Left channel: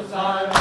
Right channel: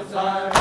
Husain,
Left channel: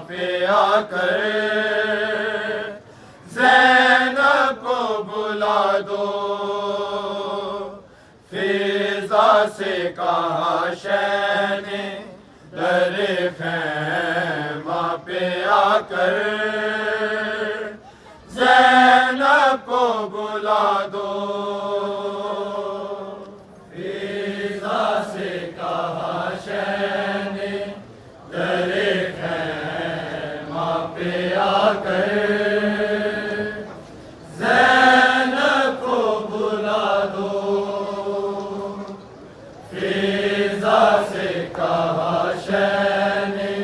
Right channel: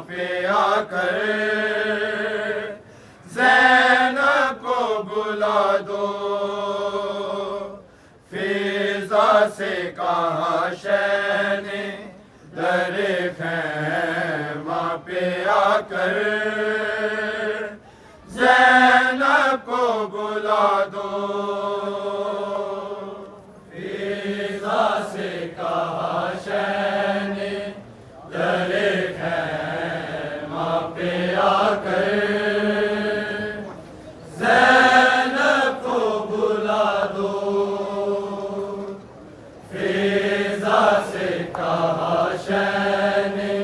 पे आकर ज़ैनब को बुला दो। फिजा से कहा शह ने दरे खैमा पे आकर ज़ैनब को बुला दो। फिजा से कहा शह ने दरे खैमा पे आकर ज़ैनब को बुला दो। फिजा से कहा शह ने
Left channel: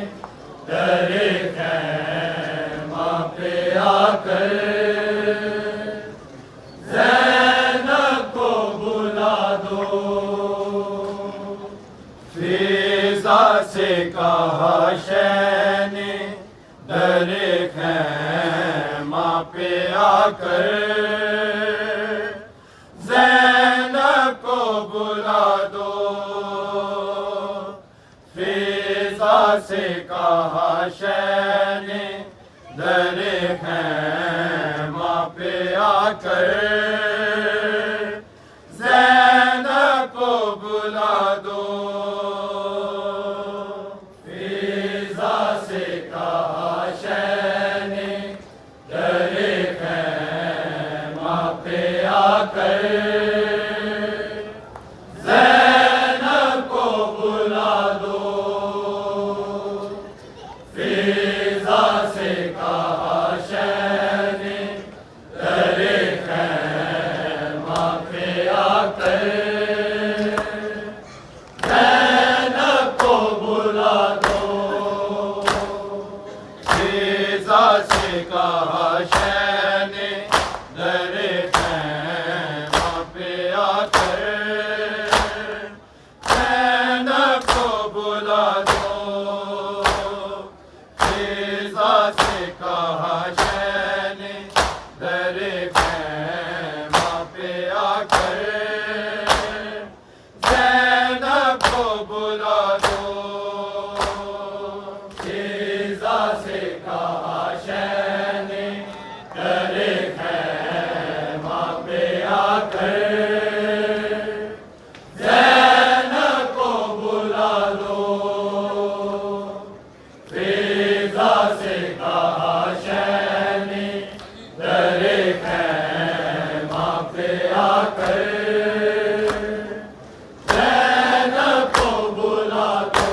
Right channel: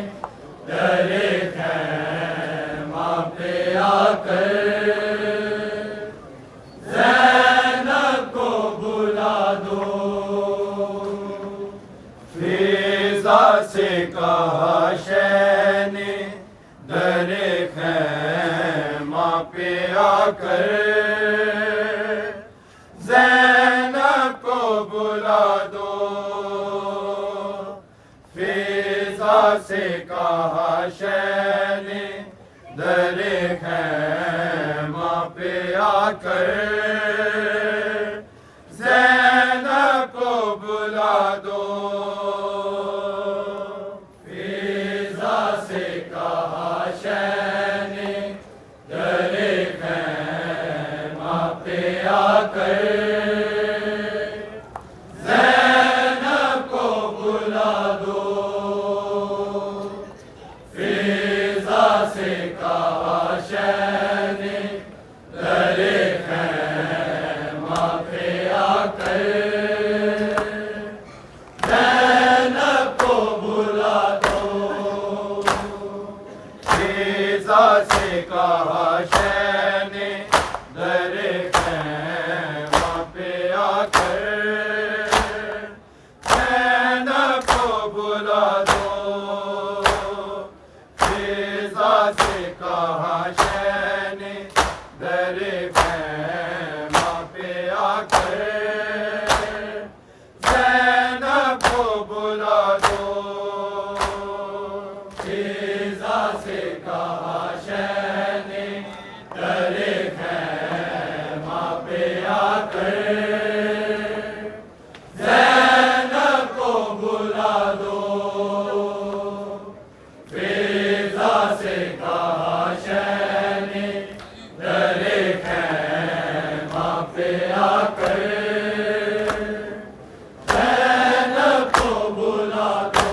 दरे खैमा पे आकर ज़ैनब को बुला दो। फिजा से कहा शह ने दरे खैमा पे आकर ज़ैनब को बुला दो। फिजा से कहा शह ने दरे खैमा पे आकर ज़ैनब को बुला दो। फिजा से कहा शह ने दरे खैमा पे आकर ज़ैनब को बुला दो। फिजा से कहा शह ने दरे खैमा पे आकर ज़ैनब को बुला दो। फिजा से कहा शह ने दरे खैमा पे आकर ज़ैनब को बुला दो। फिजा से कहा शह ने दरे खैमा पे आकर ज़ैनब को बुला दो। फिजा से कहा शह ने दरे खैमा पे आकर ज़ैनब को बुला दो। फिजा से कहा शह ने दरे खैमा पे आकर ज़ैनब को बुला दो। फिजा से कहा शह ने दरे खैमा पे आकर ज़ैनब को बुला दो।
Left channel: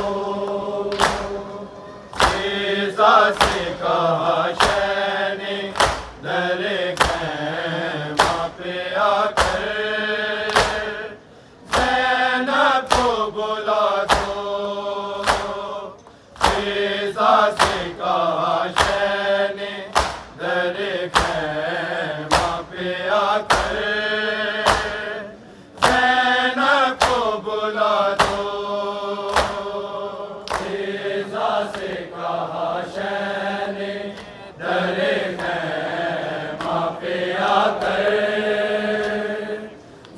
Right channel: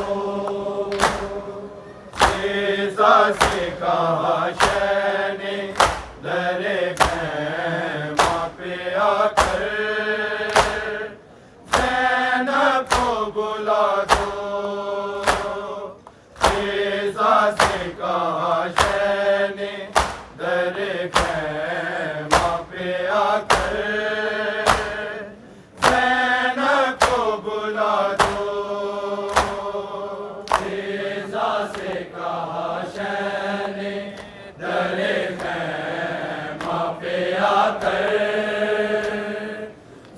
फिजा से कहा शह ने दरे खैमा पे आकर ज़ैनब को बुला दो। फिजा से कहा शह ने दरे खैमा पे आकर ज़ैनब को बुला दो। फिजा से कहा शह ने दरे खैमा पे आकर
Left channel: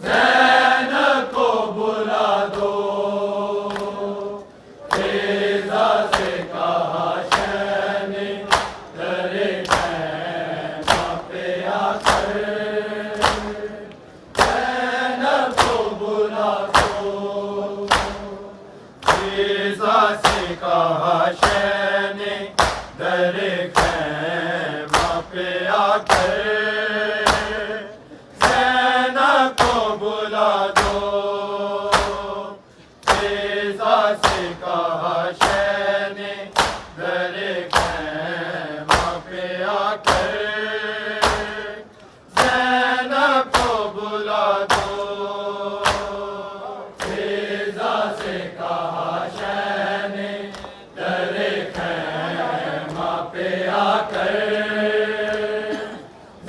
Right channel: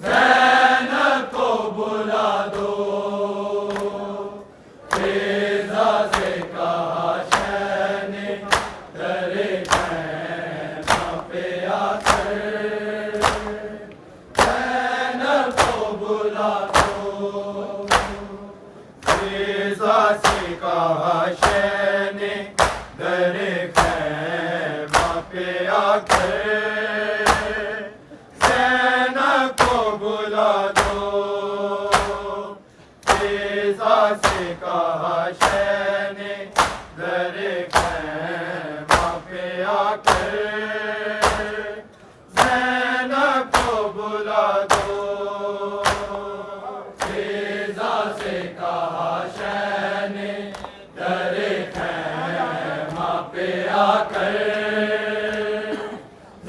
ज़ैनब को बुला दो। फिजा से कहा शह ने दरे खैमा पे आकर ज़ैनब को बुला दो। फिजा से कहा शह ने दरे खैमा पे आकर ज़ैनब को बुला दो। फिजा से कहा शह ने दरे खैमा पे आकर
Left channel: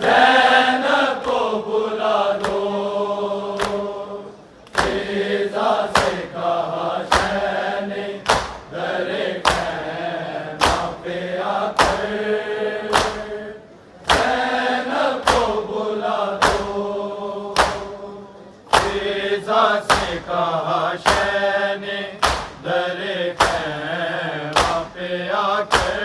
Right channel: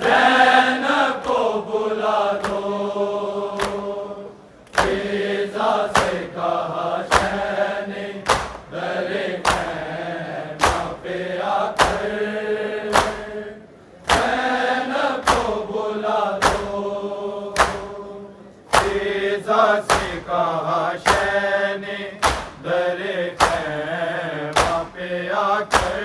ज़ैनब को बुला दो। फिजा से कहा शह ने दरे खैमा पे आकर ज़ैनब को बुला दो। फिजा से कहा शह ने दरे खैमा पे आकर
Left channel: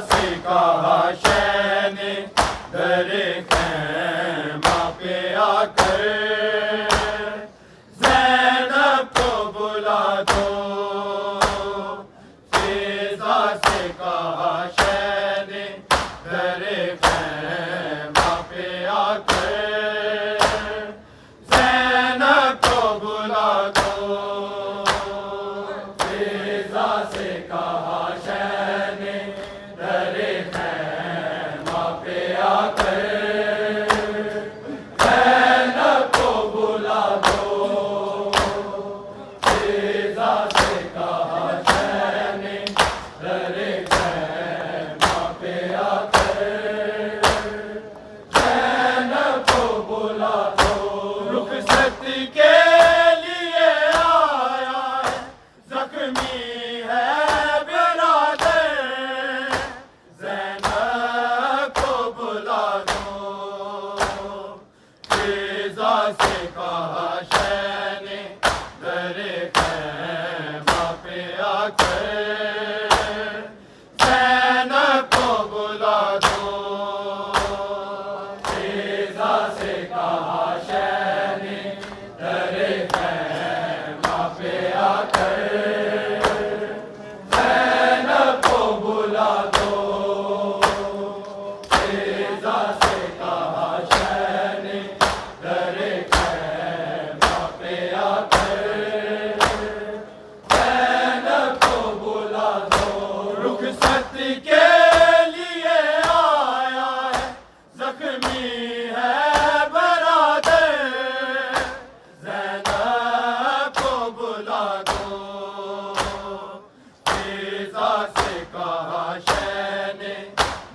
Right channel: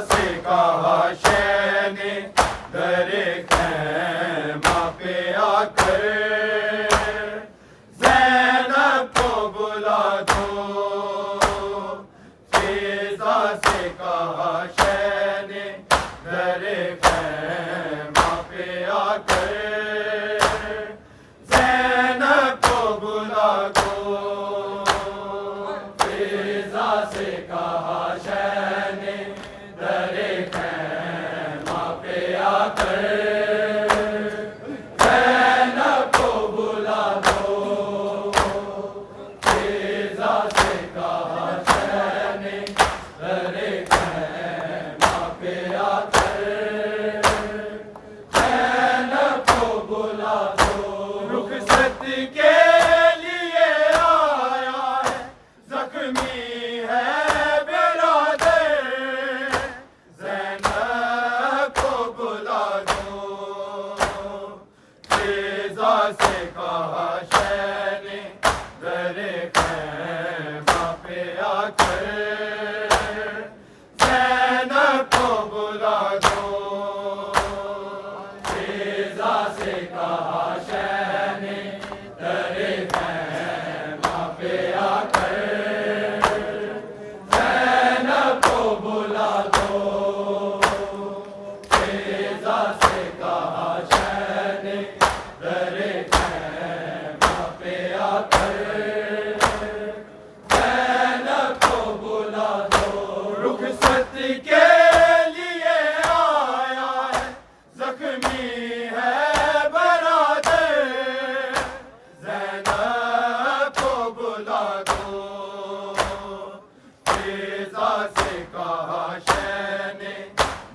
से कहा शह ने दरे खैमा पे आकर ज़ैनब को बुला दो। फिजा से कहा शह ने दरे खैमा पे आकर ज़ैनब को बुला दो। फिजा से कहा शह ने दरे खैमा पे आकर ज़ैनब को बुला दो। फिजा से कहा शह ने दरे खैमा पे आकर ज़ैनब को बुला दो। रुखसत के लिए आया है ज़ख्मी है बिरादर ज़ैनब को बुला दो। फिजा से कहा शह ने दरे खैमा पे आकर ज़ैनब को बुला दो। फिजा से कहा शह ने दरे खैमा पे आकर ज़ैनब को बुला दो। फिजा से कहा शह ने दरे खैमा पे आकर ज़ैनब को बुला दो। रुखसत के लिए आया है ज़ख्मी है बरादर ज़ैनब को बुला दो। फिजा से कहा शह ने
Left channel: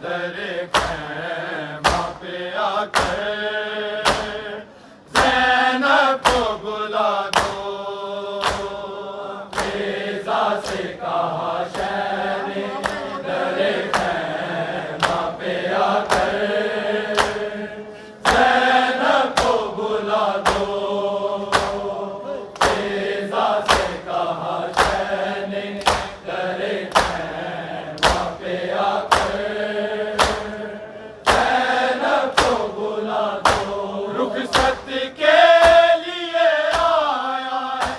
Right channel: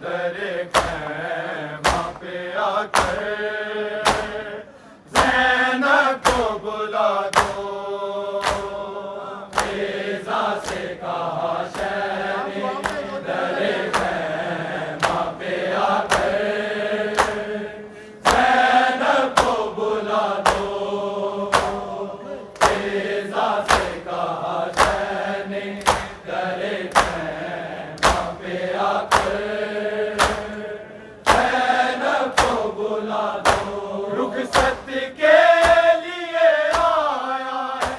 दरे खैमा पे आकर ज़ैनब को बुला दो। फिजा से कहा शह ने दरे खैमा पे आकर ज़ैनब को बुला दो। फिजा से कहा शह ने दरे खैमा पे आकर ज़ैनब को बुला दो। रुखसत के लिए आया है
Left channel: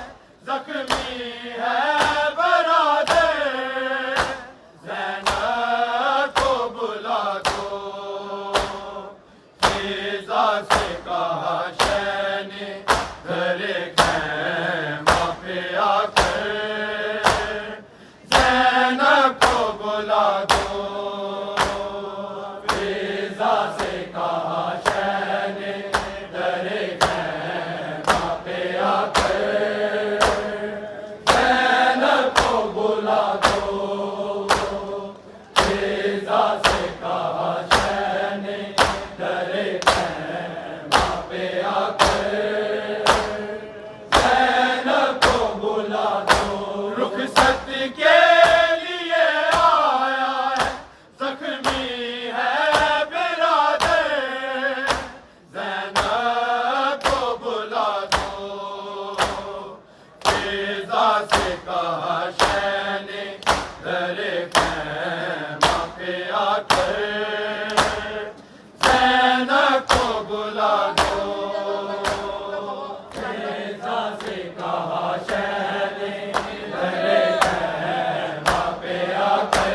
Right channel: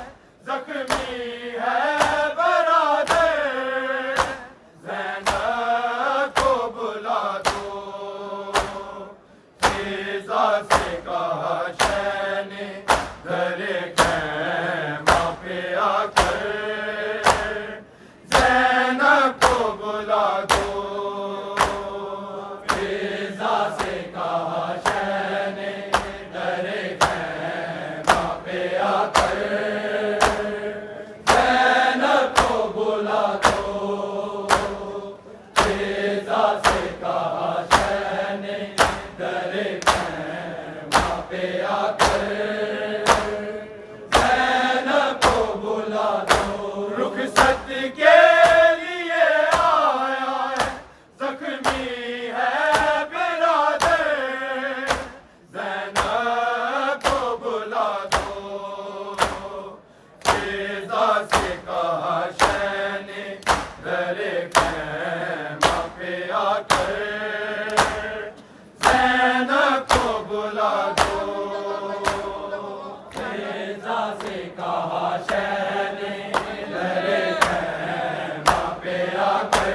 ज़ख्मी है बरादर ज़ैनब को बुला दो। फिजा से कहा शह ने दरे खैमा पे आकर ज़ैनब को बुला दो। फिजा से कहा शह ने दरे खैमा पे आकर ज़ैनब को बुला दो। फिजा से कहा शह ने दरे खैमा पे आकर ज़ैनब को बुला दो। रुखसत के लिए आया है ज़ख्मी है बिरादर ज़ैनब को बुला दो। फिजा से कहा शह ने दरे खैमा पे आकर ज़ैनब को बुला दो। फिजा से कहा शह ने दरे खैमा पे आकर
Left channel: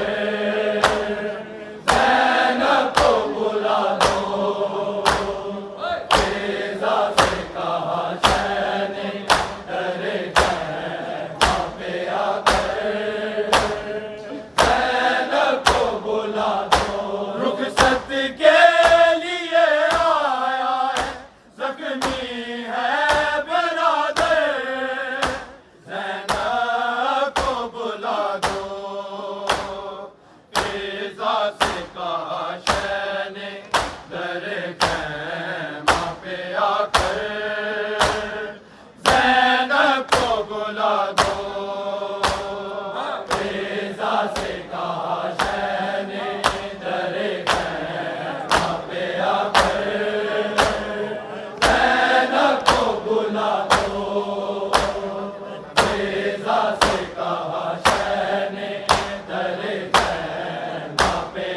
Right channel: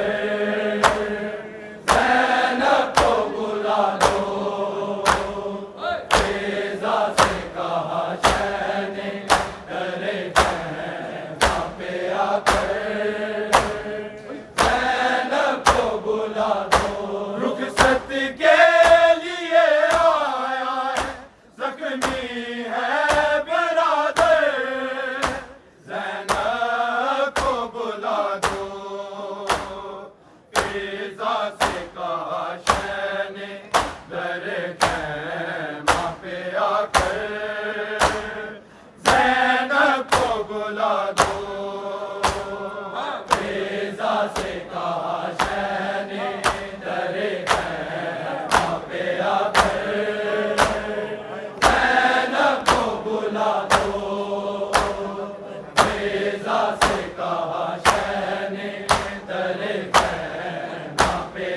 ज़ैनब को बुला दो। फिजा से कहा शह ने दरे खैमा पे आकर ज़ैनब को बुला दो। रुखसत के लिए आया है ज़ख्मी है बरादर ज़ैनब को बुला दो। फिजा से कहा शह ने दरे खैमा पे आकर ज़ैनब को बुला दो। फिजा से कहा शह ने दरे खैमा पे आकर ज़ैनब को बुला दो। फिजा से कहा शह ने दरे खैमा पे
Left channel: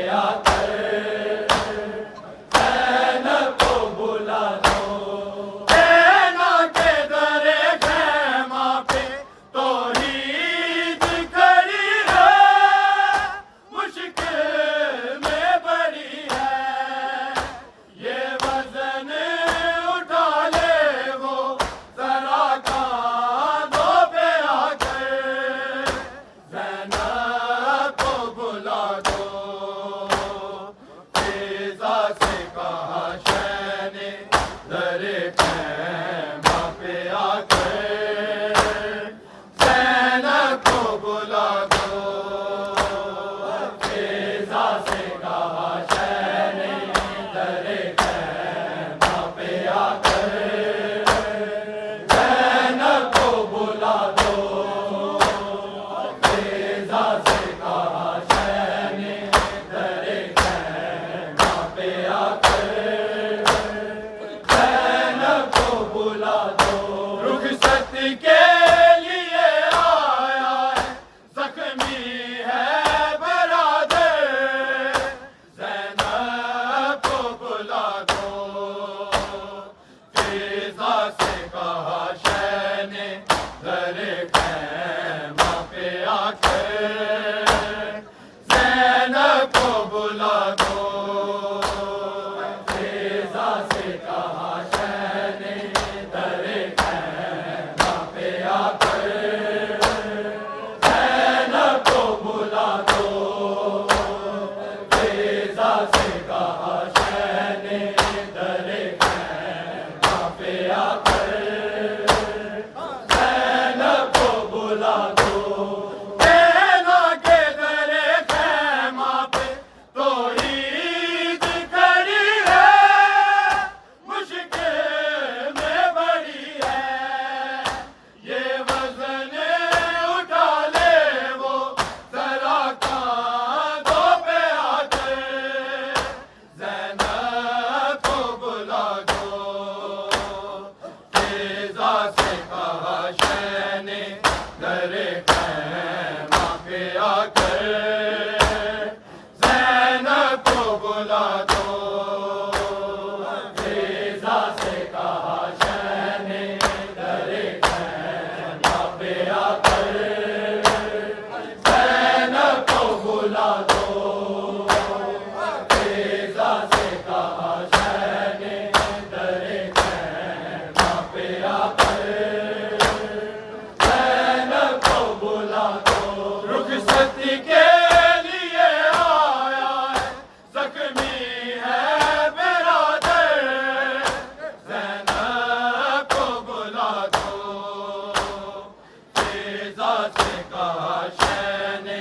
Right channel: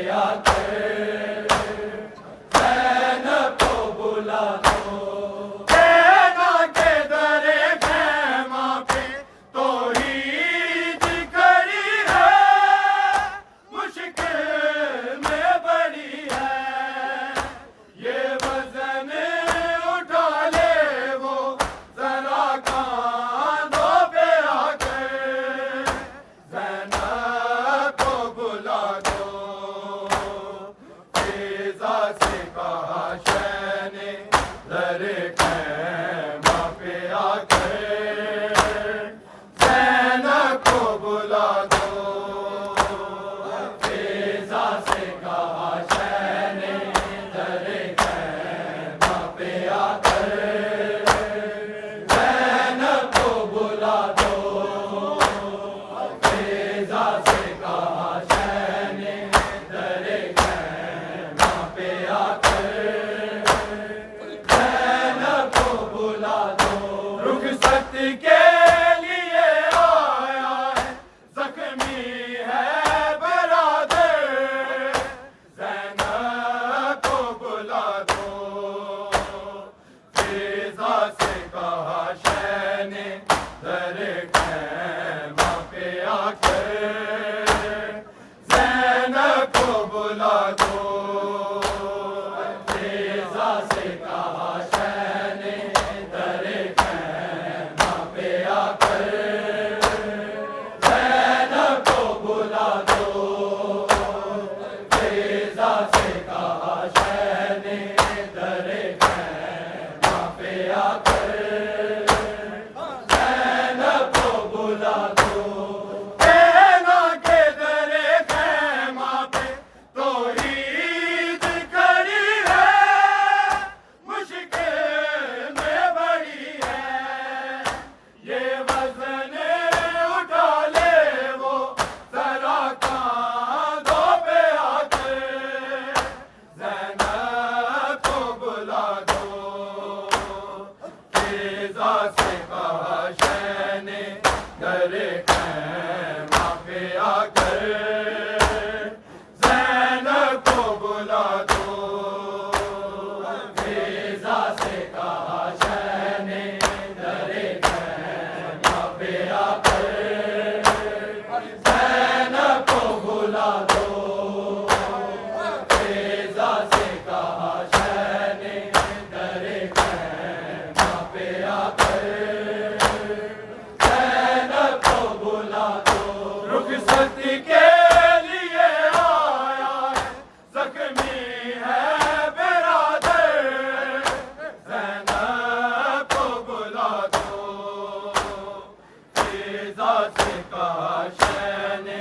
आकर ज़ैनब को बुला दो। फिज़ा से कहा शह ने दरे खैमा पे आकर ज़ैनब को बुला दो। फिज़ा से कहा शह ने दरे खैमा पे आकर ज़ैनब को बुला दो। कहना के दरे खैमा पे तो ईद खड़ी है, मुश्किल में बड़ी है। ये वज़न उठा ले वो ज़रा कांधों पे आकर ज़ैनब को बुला दो। फिज़ा से कहा शह ने दरे खैमा पे आकर ज़ैनब को बुला दो। फिज़ा से कहा शह ने दरे खैमा पे आकर ज़ैनब को बुला दो। फिज़ा से कहा शह ने दरे खैमा पे आकर ज़ैनब को बुला दो। रुखसत के लिए आया है, ज़ख्मी है बिरादर ज़ैनब को बुला दो। फिज़ा से कहा शह ने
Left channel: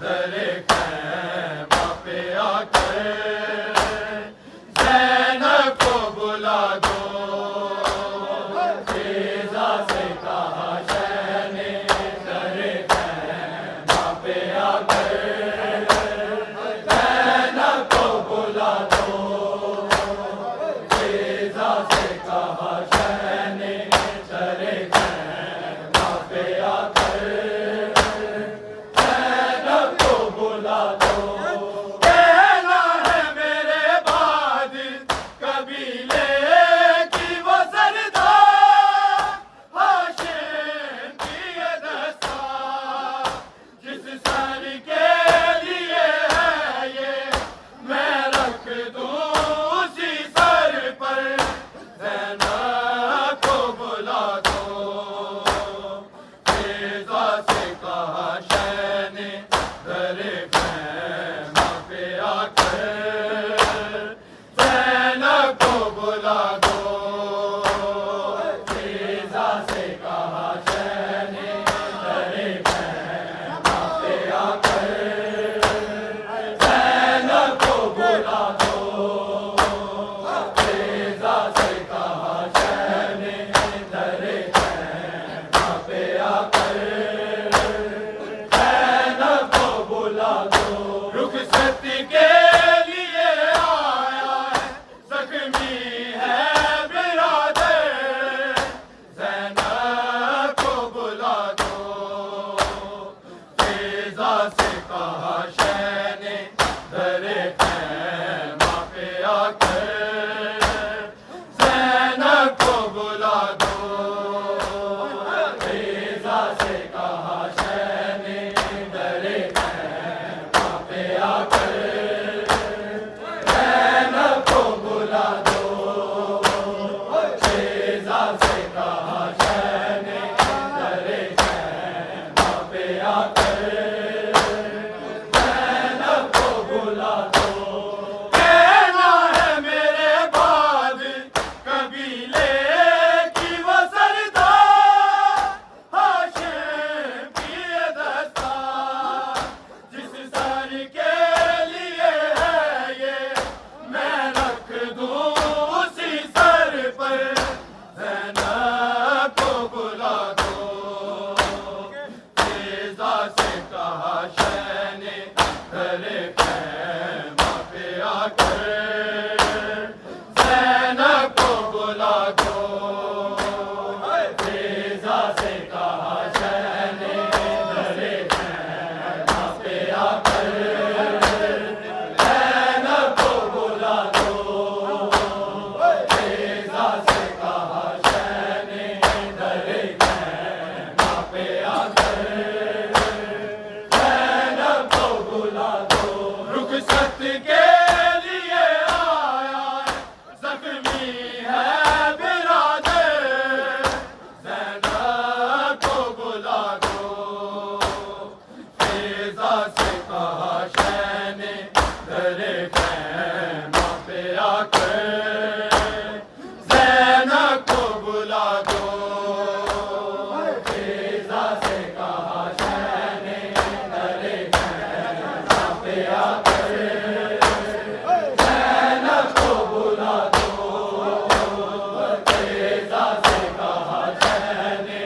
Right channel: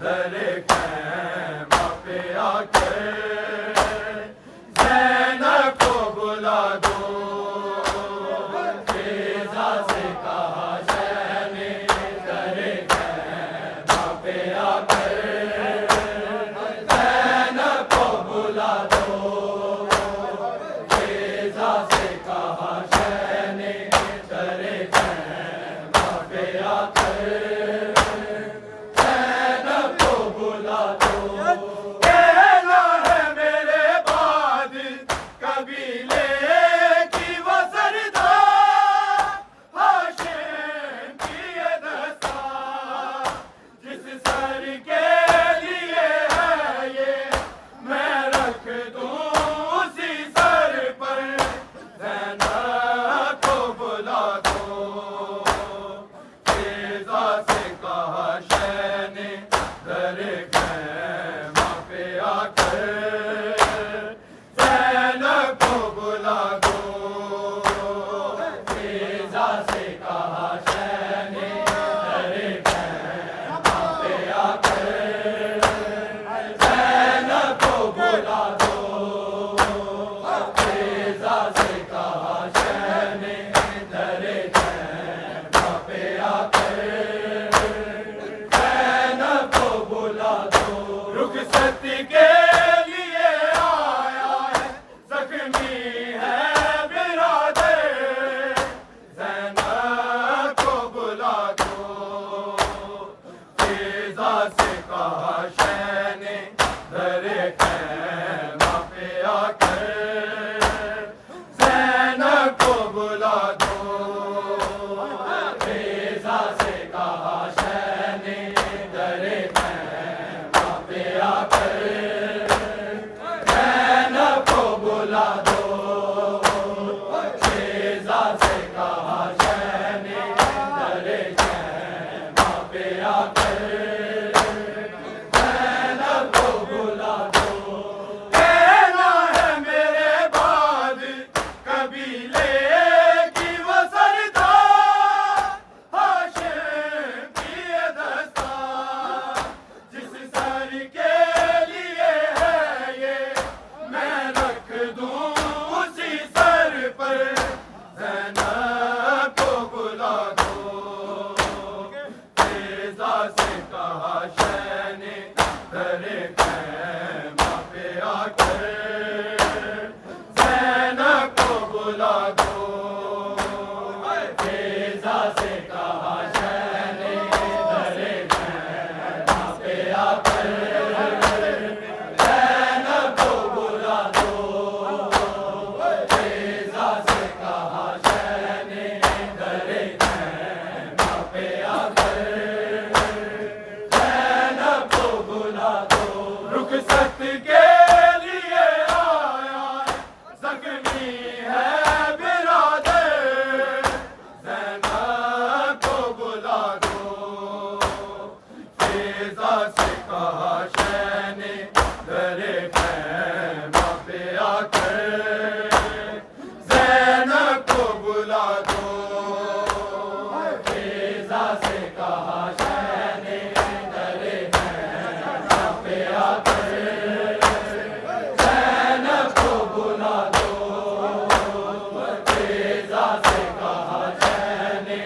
दरे खैमा पे आकर ज़ैनब को बुला दो। फिज़ा से कहा शह ने दरे खैमा पे आकर ज़ैनब को बुला दो। फिज़ा से कहा शह ने दरे खैमा पे आकर ज़ैनब को बुला दो। कहना है मेरे बाद कबीले की वो सरदार हाशिम की ये दस्तार, जिस सर के लिए है ये मैं रख दूं उसी सर पर ज़ैनब को बुला दो। फिज़ा से कहा शह ने दरे खैमा पे आकर ज़ैनब को बुला दो। फिज़ा से कहा शह ने दरे खैमा पे आकर ज़ैनब को बुला दो। फिज़ा से कहा शह ने दरे खैमा पे आकर ज़ैनब को बुला दो। रुखसत के लिए आया है, ज़ख्मी है बिरादर ज़ैनब को बुला दो। फिज़ा से कहा शह ने दरे खैमा पे आकर ज़ैनब को बुला दो। फिज़ा से कहा शह ने दरे खैमा पे आकर ज़ैनब को बुला दो। फिज़ा से कहा शह ने दरे खैमा पे आकर ज़ैनब को बुला दो। कहना है मेरे बाद कबीले की वो सरदार हाशिम की ये दस्तार, जिस सर के लिए है ये मैं रख दूं उसी सर पर ज़ैनब को बुला दो। फिज़ा से कहा शह ने दरे खैमा पे आकर ज़ैनब को बुला दो। फिज़ा से कहा शह ने दरे खैमा पे आकर ज़ैनब को बुला दो। फिज़ा से कहा शह ने दरे खैमा पे आकर फिजा से कहा शह ने दरे खैमा पे आकर ज़ैनब को बुला दो। फिजा से कहा शह ने दरे खैमा पे आकर ज़ैनब को बुला दो। फिजा से कहा शह ने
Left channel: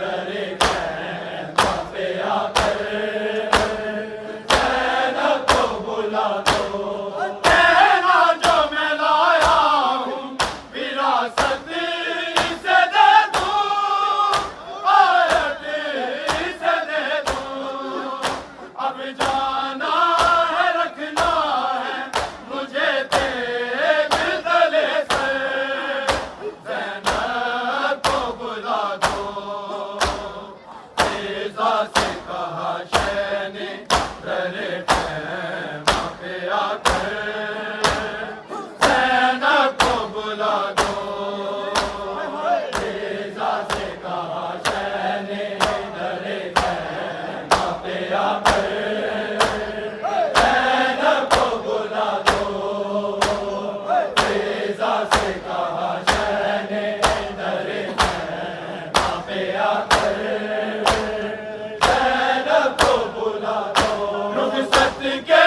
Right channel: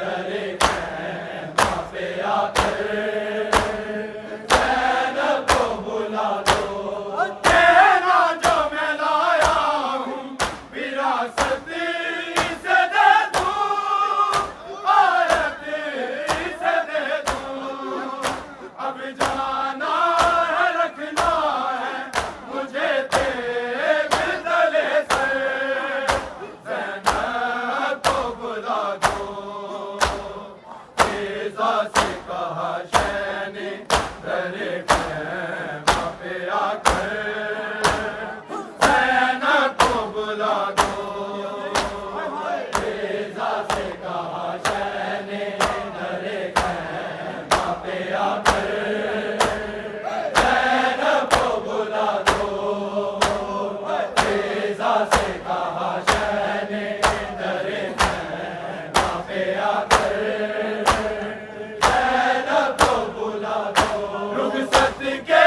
दरे खैमा पे आकर ज़ैनब को बुला दो। कहना जो मैं लाया हूँ विरासत से दे दूँ, आयत से दे दूँ। अब जाना है रखना है मुझे तेरे गले से, ज़ैनब को बुला दो। फिजा से कहा शह ने दरे खैमा पे आकर ज़ैनब को बुला दो। फिजा से कहा शह ने दरे खैमा पे आकर ज़ैनब को बुला दो। फिजा से कहा शह ने दरे खैमा पे आकर ज़ैनब को बुला दो। रुखसत के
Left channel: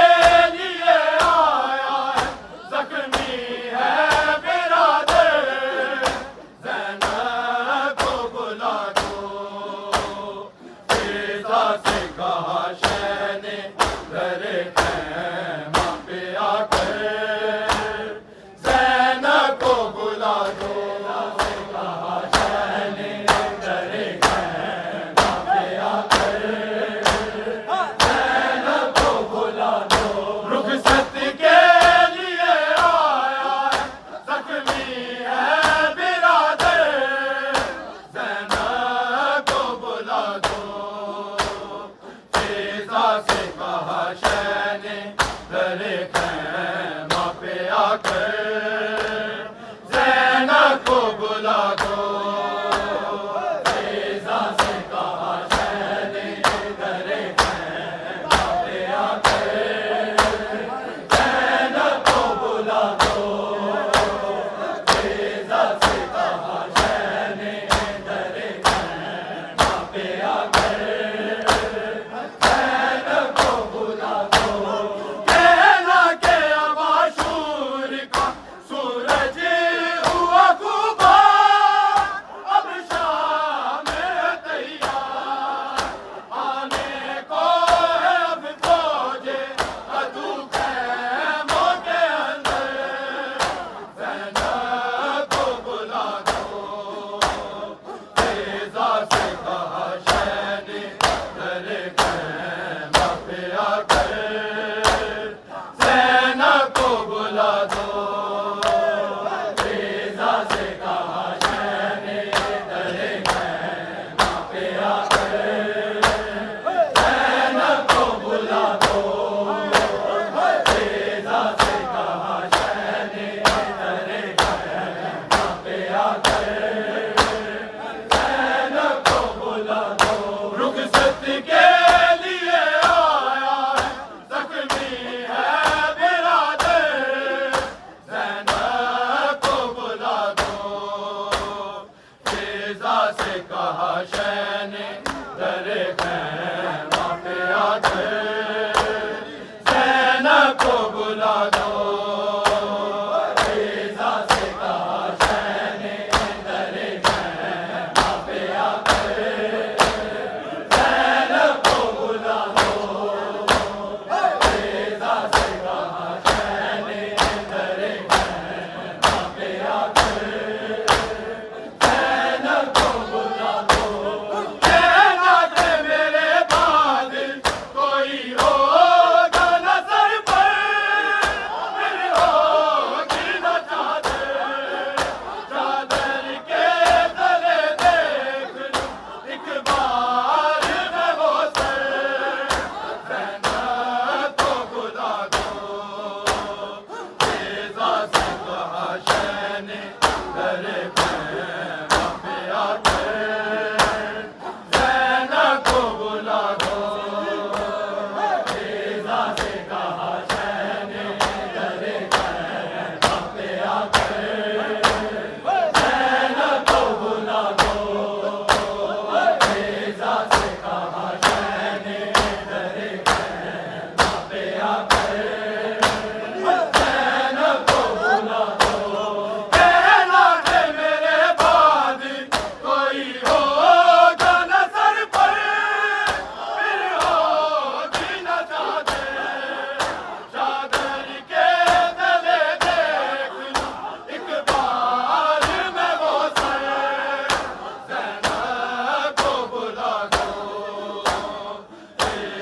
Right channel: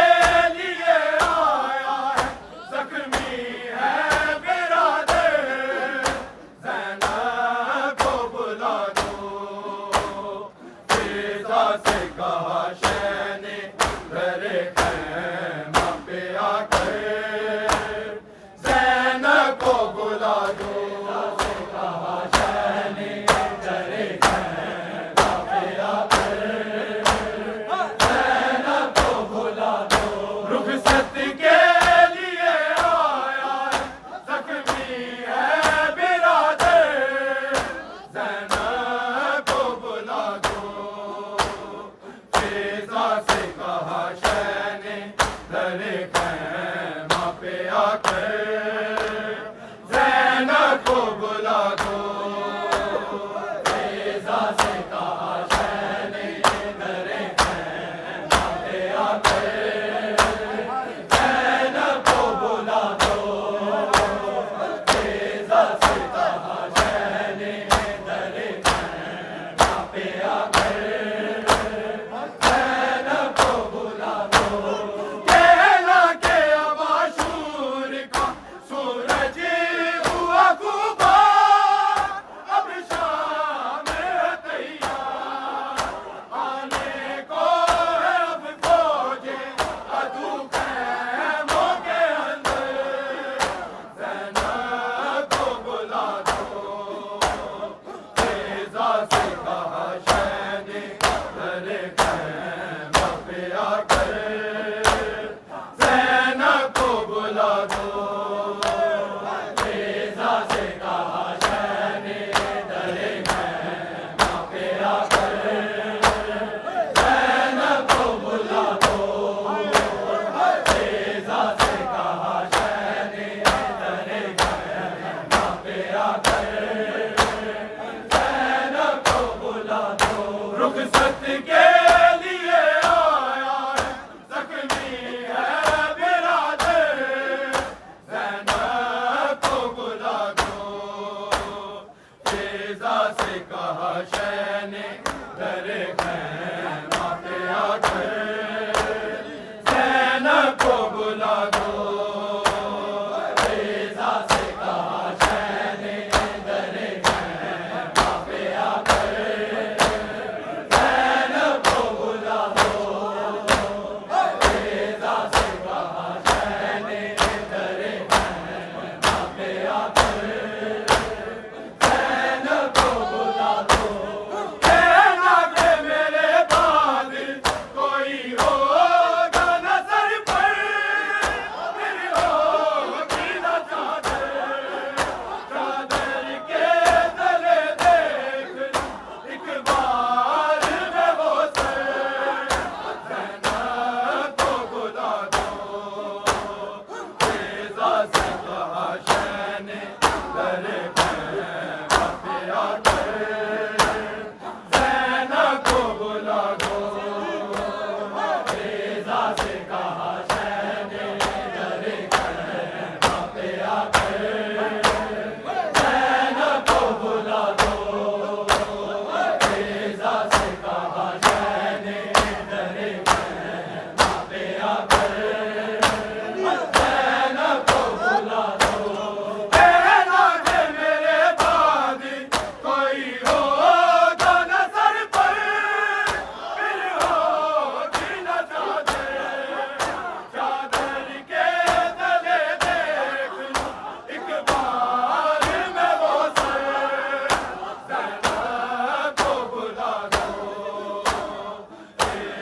लिए आया है ज़ख्मी है बिरादर, ज़ैनब को बुला दो। फिजा से कहा शह ने दरे खैमा पे आकर ज़ैनब को बुला दो। फिजा से कहा शह ने दरे खैमा पे आकर ज़ैनब को बुला दो। रुखसत के लिए आया है ज़ख्मी है बिरादर, ज़ैनब को बुला दो। फिजा से कहा शह ने दरे खैमा पे आकर ज़ैनब को बुला दो। फिजा से कहा शह ने दरे खैमा पे आकर ज़ैनब को बुला दो। फिजा से कहा शह ने दरे खैमा पे आकर ज़ैनब को बुला दो। कहना के अब आशूर का सूरज हुआ खूबा, अब शाम है तैयार आने को है अब फौजे अदू खैमों के अंदर, ज़ैनब को बुला दो। फिजा से कहा शह ने दरे खैमा पे आकर ज़ैनब को बुला दो। फिजा से कहा शह ने दरे खैमा पे आकर ज़ैनब को बुला दो। फिजा से कहा शह ने दरे खैमा पे आकर ज़ैनब को बुला दो। रुखसत के लिए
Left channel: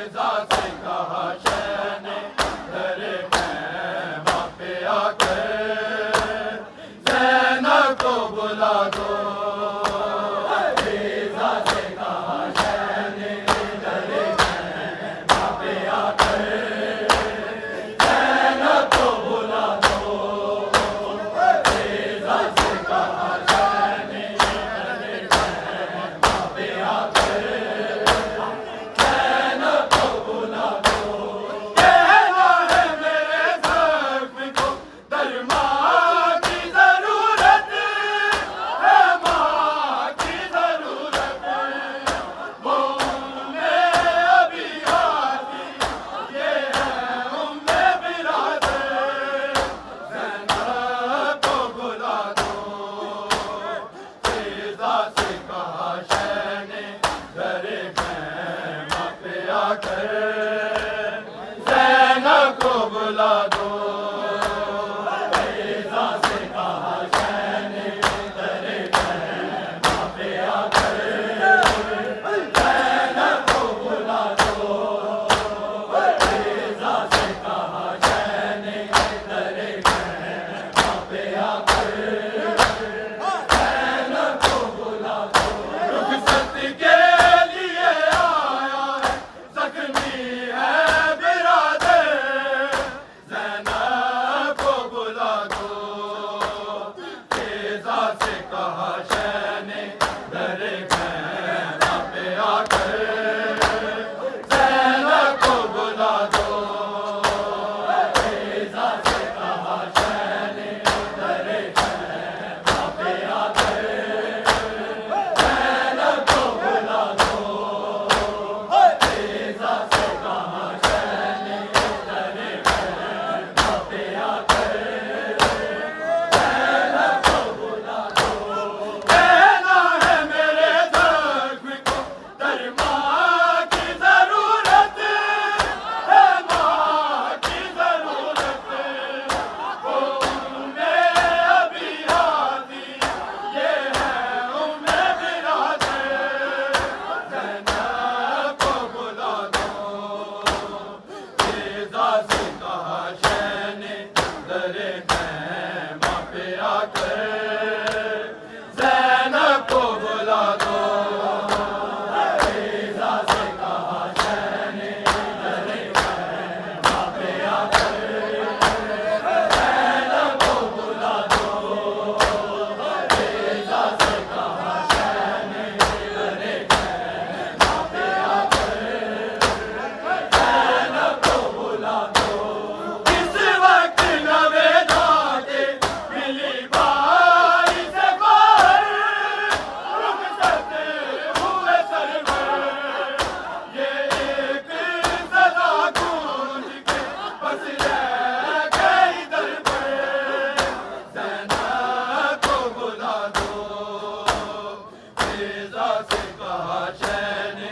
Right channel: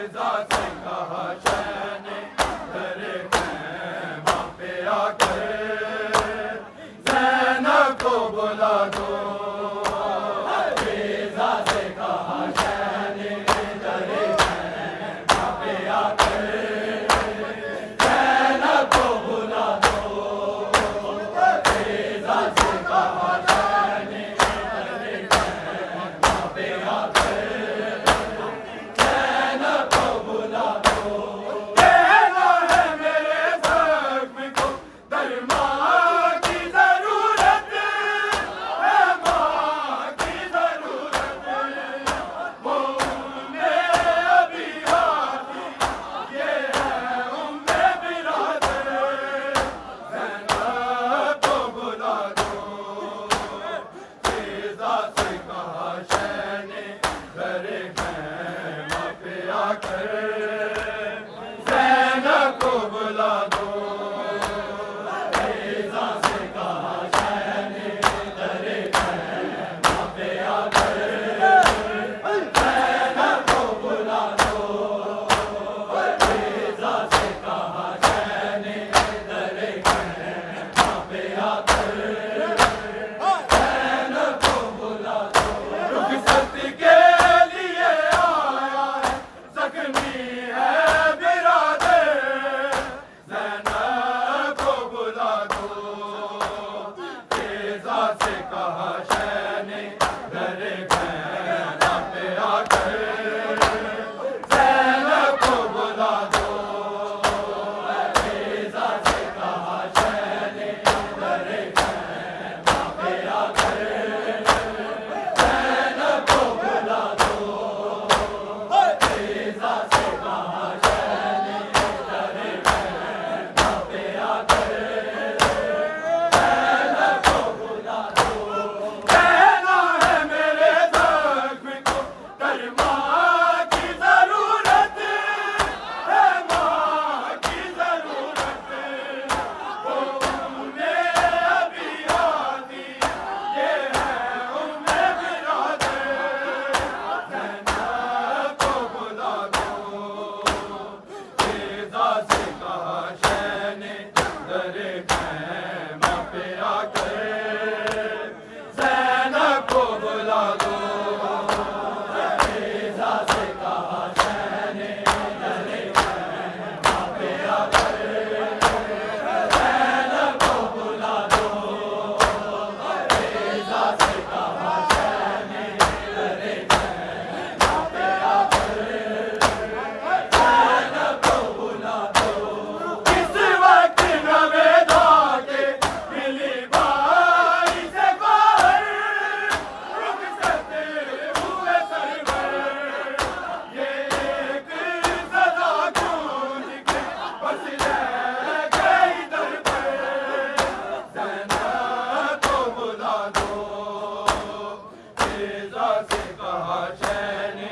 तेजा से कहा शह ने तेरे खैमा पे आकर ज़ैनब को बुला दो। तेजा से कहा शह ने तेरे खैमा पे आकर ज़ैनब को बुला दो। तेजा से कहा शह ने तेरे खैमा पे आकर ज़ैनब को बुला दो। कहना है मेरे ज़ख्म को दरमा की ज़रूरत है, माँ की ज़रूरत। वो उम्मे अभी आती ये है उम्मे बिरादर। ज़ैनब को बुला दो। तेजा से कहा शह ने घरे खैमा पे आकर ज़ैनब को बुला दो। तेजा से कहा शह ने घरे खैमा पे आकर ज़ैनब को बुला दो। तेजा से कहा शह ने घरे खैमा पे आकर ज़ैनब को बुला दो। रुखसत के लिए आया है ज़ख्मी है बिरादर। ज़ैनब को बुला दो। तेजा से कहा शह ने घरे खैमा पे आकर ज़ैनब को बुला दो। तेजा से कहा शह ने घरे खैमा पे आकर ज़ैनब को बुला दो। तेजा से कहा शह ने घरे खैमा पे आकर ज़ैनब को बुला दो। कहना है मेरे ज़ख्म को दरमा की ज़रूरत है, माँ की ज़रूरत। वो उम्मे अभी आती ये है उम्मे बिरादर। ज़ैनब को बुला दो। तेजा से कहा शह ने घरे खैमा पे आकर ज़ैनब को बुला दो। तेजा से कहा शह ने घरे खैमा पे आकर ज़ैनब को बुला दो। तेजा से कहा शह ने घरे खैमा पे आकर ज़ैनब को बुला दो। इस वक्त नवेदा के मिली बाई से बाहर रुखसत हुए सरवर। ये एक सदा गूंज के बस रह गई दर पर। ज़ैनब को बुला दो। तेजा से कहा शह ने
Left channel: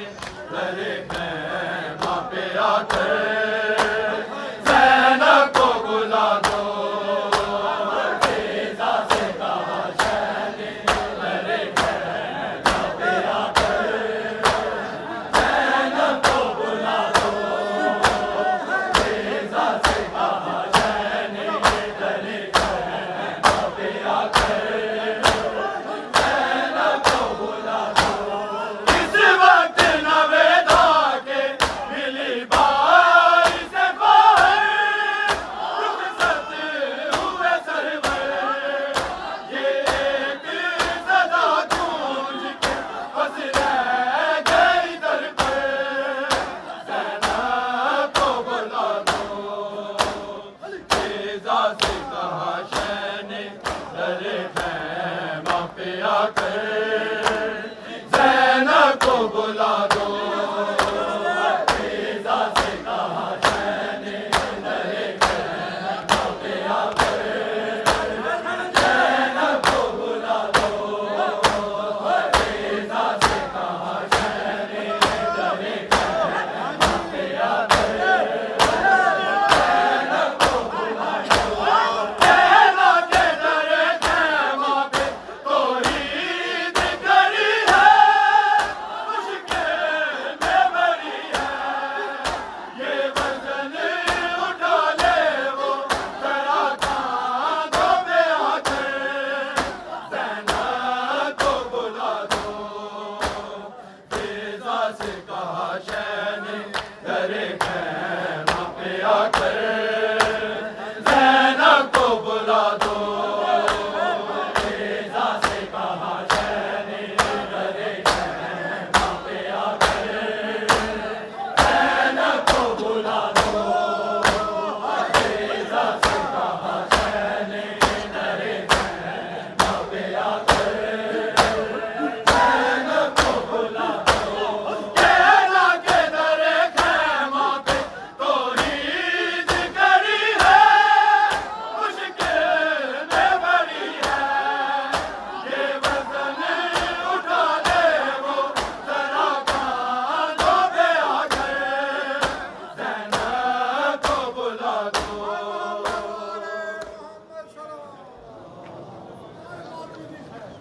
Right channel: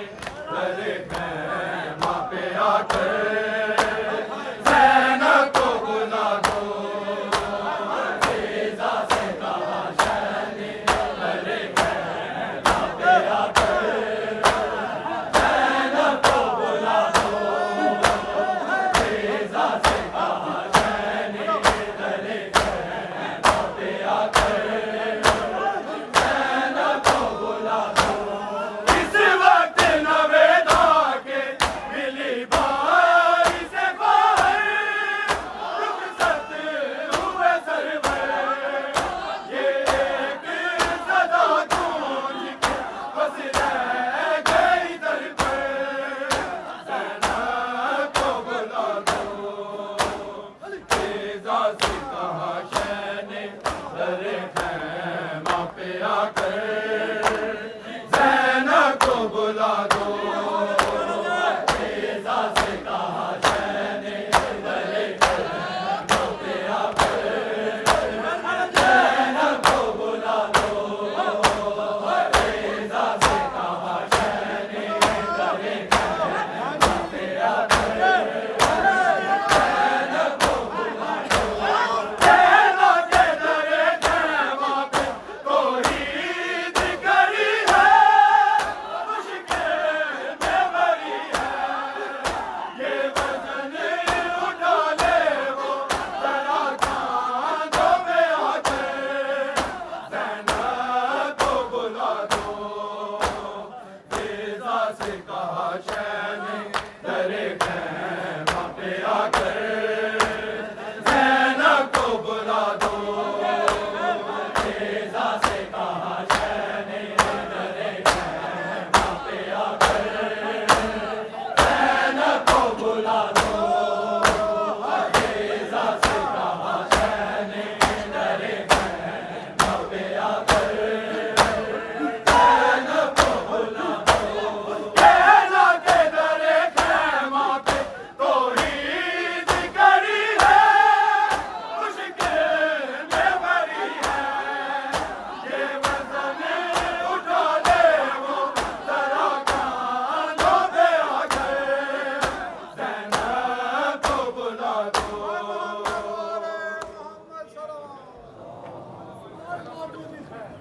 घरे खैमा पे आकर ज़ैनब को बुला दो। तेजा से कहा शह ने घरे खैमा पे आकर ज़ैनब को बुला दो। तेजा से कहा शह ने घरे खैमा पे आकर ज़ैनब को बुला दो। इस वक्त नवेदा के मिली बाई